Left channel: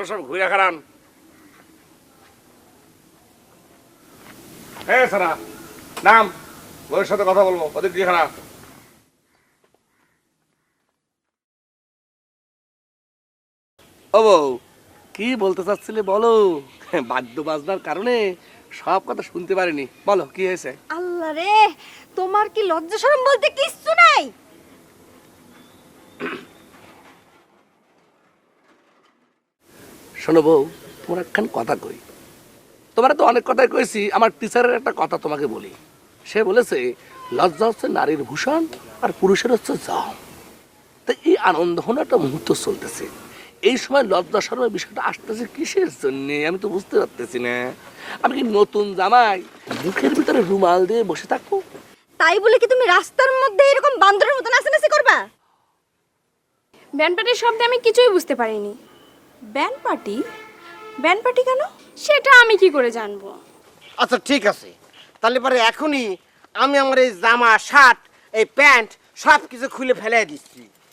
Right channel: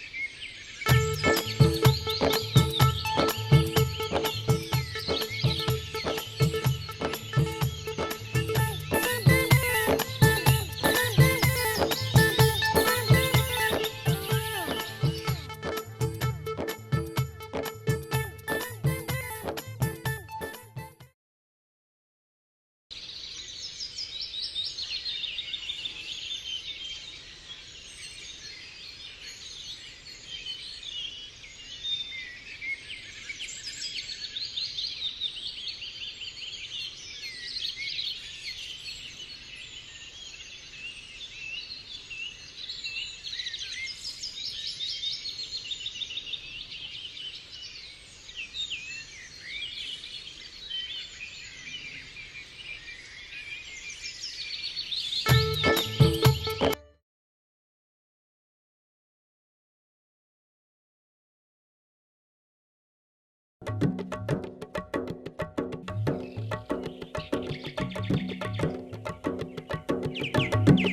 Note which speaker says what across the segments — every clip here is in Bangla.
Speaker 1: আপনার সব ঘুরে খারান। হ্যাঁ সোনা, নাম, ওর সাথে কথা বলবো, ওদের কি খারাপ। ও বউ, কি বলতে চাচ্ছিলে বলো? বাদ্য বাজনার কারণে সব কথা শুনতে পারিনি, বলো কি হয়েছে?
Speaker 2: আল্লাহ রে, তোমার কি লজ্জা শরম বলতে কিচ্ছু নাই?
Speaker 1: শোনো বউ, তোমার একখান কথা কই। তোমার তো অনেক কথাই কইছি, আমার টিচারের একটা কথা তোমাকে বলি। সে বলেছে লজ্জা হচ্ছে নারীর ভূষণ আর পুরুষের হচ্ছে জাল। তো এই আনন্দ হলো একটা মুহূর্ত চলতেছে, এই সময় লজ্জা শরমের বিষয়টা আসতেছে কিসের জন্য আমি তো বুঝতে পারতেছি না। আমি কি নতুন জামাই মুখের ভিতরে রুমাল দিয়ে বসে থাকবো?
Speaker 2: তাই বলে কি তুমি রাস্তার মধ্যে এরকম বান্দরের মতো নাচানাচি করবা?
Speaker 3: ব্যান্ড পার্টির শব্দে আমি কিছুই বুঝতে পারিনি।
Speaker 2: Band party? ব্যান্ড পার্টি কেন?
Speaker 3: সেটা আমি কি করে জানবো?
Speaker 4: আচ্ছা ঠিক আছে, তাহলে পরে এখনই আমি আমার এই জামা শার্ট এই প্যান্ট সব কিছু খুলে ফেলে দিই।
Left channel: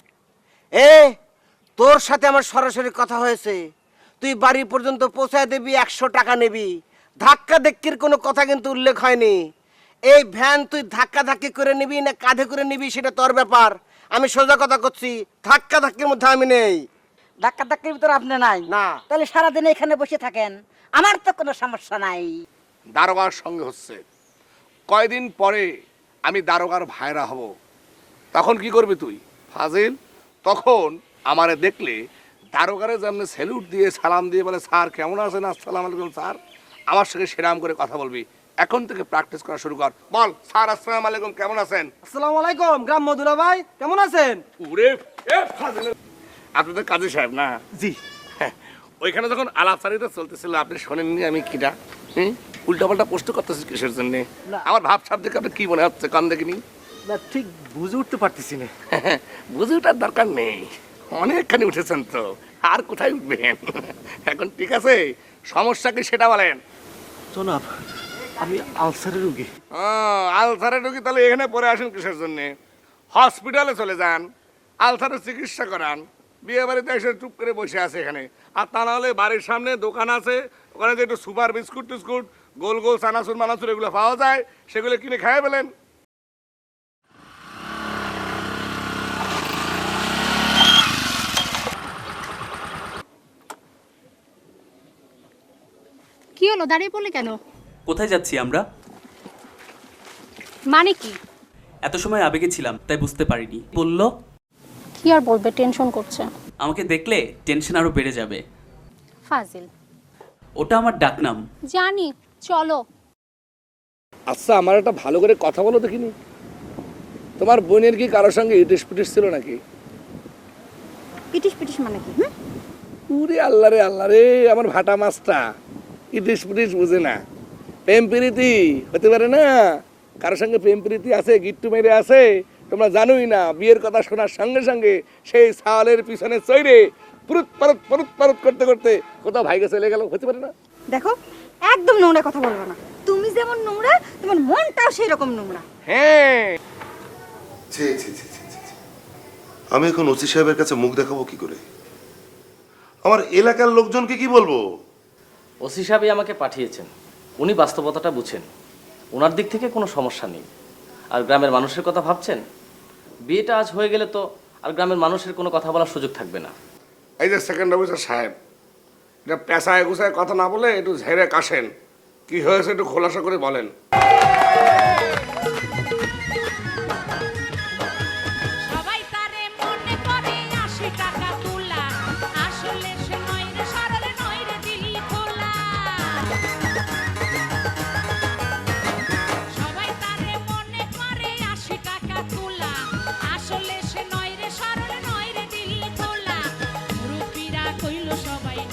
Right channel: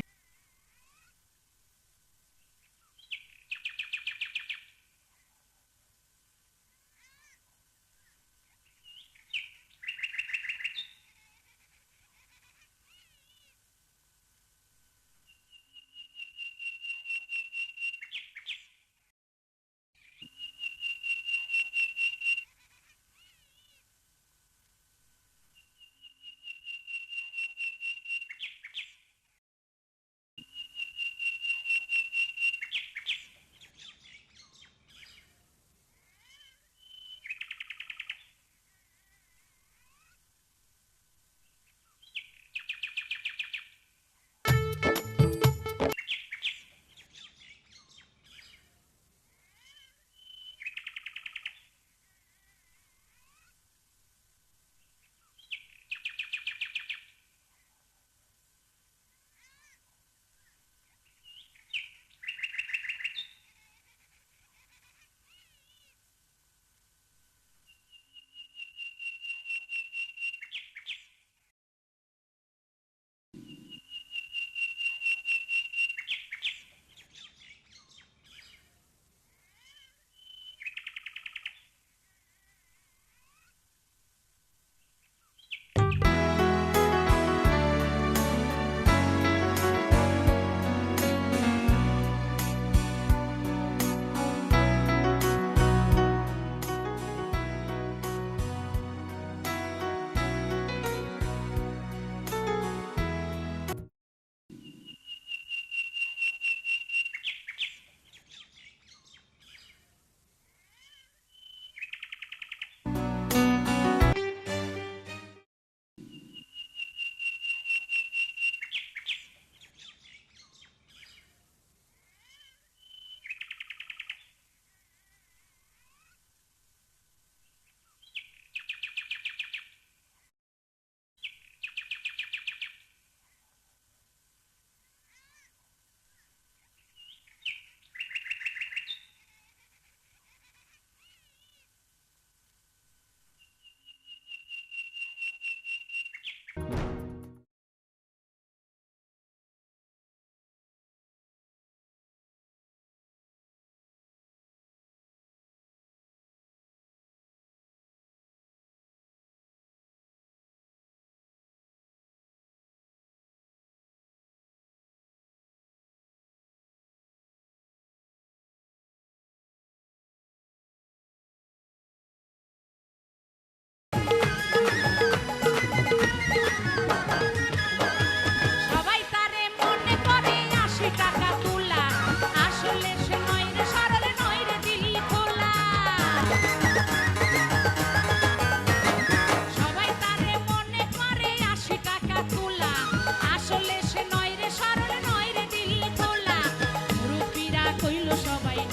Speaker 4: তোর সাথে আমার সরাসরি কথা হয়েছে, তুই বাড়ি পর্যন্ত পৌঁছায় দিবি, 100 টাকা নিবি। ধাক্কা ধাক্কির কোনো কথা কিন্তু উল্লেখ হয়নি। এই ভ্যান তুই ধাক্কা ধাক্কি করে নিবি না কাঁধে করে নিবি সেটা তোর ব্যাপার। আমি সোজা কথা করছি, ধাক্কা ধাক্কির মধ্যে আমি নেই।
Speaker 5: ধাক্কা ধাক্কির ভিতর আপনি নাই
Speaker 4: না।
Speaker 5: তাহলে সারাদিন এখানে বসে থাকেন, আমার তো কোনো সমস্যা নাই।
Speaker 1: দারোগার সঙ্গে হচ্ছে, কয়দিন পরে আমি দারোগার ভাইরা হব, তখন কি করবি তুই ফাজিল? তখন আমারে দেখলে দারোগারে যেমন স্যালুট দিয়ে সালাম দিয়ে বলে স্যার কেমন আছেন, আসসালামু আলাইকুম স্যার, আমার সঙ্গে সেরাম করে কথা বলবি। এখন থেকে প্র্যাকটিস করা শুরু কর, বল স্যার আসসালামু আলাইকুম কেমন আছেন।
Speaker 4: আসসালামু আলাইকুম গ্রাম মধুরা ভাই, কেমন আছেন?
Speaker 1: ওরে আপনাদের কাজী সাহেব না?
Speaker 4: জি।
Speaker 1: ওইখানে যখন আলাপচারিতা চলতেছিল আপনি শোনেননি আমি কিটা উল্টাপাল্টা প্রশ্ন করতেছি কিসের জন্য? আমার ভাব সাব দেখে আপনি কি মনে হচ্ছে? কান দেখিনি
Speaker 4: না, ঠিক বুঝে উঠতে পারতেছি না।
Speaker 1: বুঝে ওঠার দরকার নেই, অনেকখানি উঠেছেন তো, আর কোথায় উঠবেন? এখন ঠিক আছে, সমস্যা কি সেটা বলেন।
Speaker 4: জনাব, আমি আলসারের রোগী।
Speaker 1: আলসারের রোগী? তাহলে এখানে পরে আসেন কিসের জন্য? হসপিটালে চলে যান, আলসারের চিকিৎসা করান। বিয়ে বাড়িতে এসে চুপ করে বসে আছে এখানে। আর তা নাহলে বাড়ির সামনে দোকান আছে, ওখানে যে একটু সুপার বিস্কুট টিস্কুট গোল গোল চানাচুর মানাচুর এগুলো পাওয়া যায়, সেগুলো কিনে খাই ফেলেন।
Speaker 3: কি হলো, দাঁড়িয়ে পড়লে কেন?
Speaker 6: কোথায় যাচ্ছি আমরা?
Speaker 3: মানে কি?
Speaker 6: এত সময় আবেগে ছিলাম তাই বুঝতে পারিনি। বললো
Speaker 3: কি আর বলবে, টেনশন করছে।
Speaker 6: আমাকে দেখলে টেনশন আরো বেড়ে যাবে।
Speaker 3: ফাজিল।
Speaker 6: ওটা আমার ডাকনাম।
Speaker 3: জানি, চলো।
Speaker 1: আচ্ছা আমার একটা ভালো করে কথা বলো দেখিনি, তোমার বোনের কি কারোর সঙ্গে ইটিস পিটিস ছিল নাকি?
Speaker 2: পিটিস পিটিস মানে কি?
Speaker 1: পুরে আল্লাহ রে আমার ভাটা মাছটা ইটিস পিটিস বুঝে না। প্রেম প্রীতি হতে পারে না? কারোর সঙ্গে প্রেম প্রীতি আছে, গিট্টু মেরে আছে, তোমরা জানোই না। বিয়ের কথা শোনার সঙ্গে সঙ্গে সেই সাওয়ালের পিছনে চৈরে পুরুত পারুত করতে করতে কোথাও ভাইকে চলে গেল, হতে পারে না?
Speaker 2: দেখো, একদম নোংরা কথা বলবো না। তুমি যেমন নোংরা, তোমার মনটাও সেই রকম নোংরা।
Speaker 1: হ্যাঁ।
Speaker 7: ছি ছি ছি ছি ছি ছি। আমি এখন ওসি সাহেবের কাছে মুখ দেখাবো কি করে? আমার এলাকার লোকজনকে কি বলবো?
Speaker 8: ওসি সাহেবই আমাকে পাঠিয়েছেন, উনি বাস্তবতাটা বুঝেন, ওনার দিক থেকে কোনো সমস্যা নেই। আর গ্রামের মানুষের কথা ভাবছেন, বিয়েটা আজ হয়ে গেলে তো আর গ্রামের মানুষের কোনো কথা বলার সুযোগ থাকবে না।
Speaker 1: এই যে সেকেন্ড অফিসার সাহেব, এটা পেশায় গুছায় কথা না বলে একটু ঝেড়ে কাশেন, কি হয়েছে একটু খোলাসা করে বলেন।
Speaker 9: সবাই তারে মনে করে 80 টাকা তোলা, আসলে সে নয় রে সরল নয় রে দিল খোলা। সবাই তারে মনে করে 80 টাকা তোলা, আসলে সে নয় রে সরল নয় রে দিল খোলা। রূপীরা কইল সবাই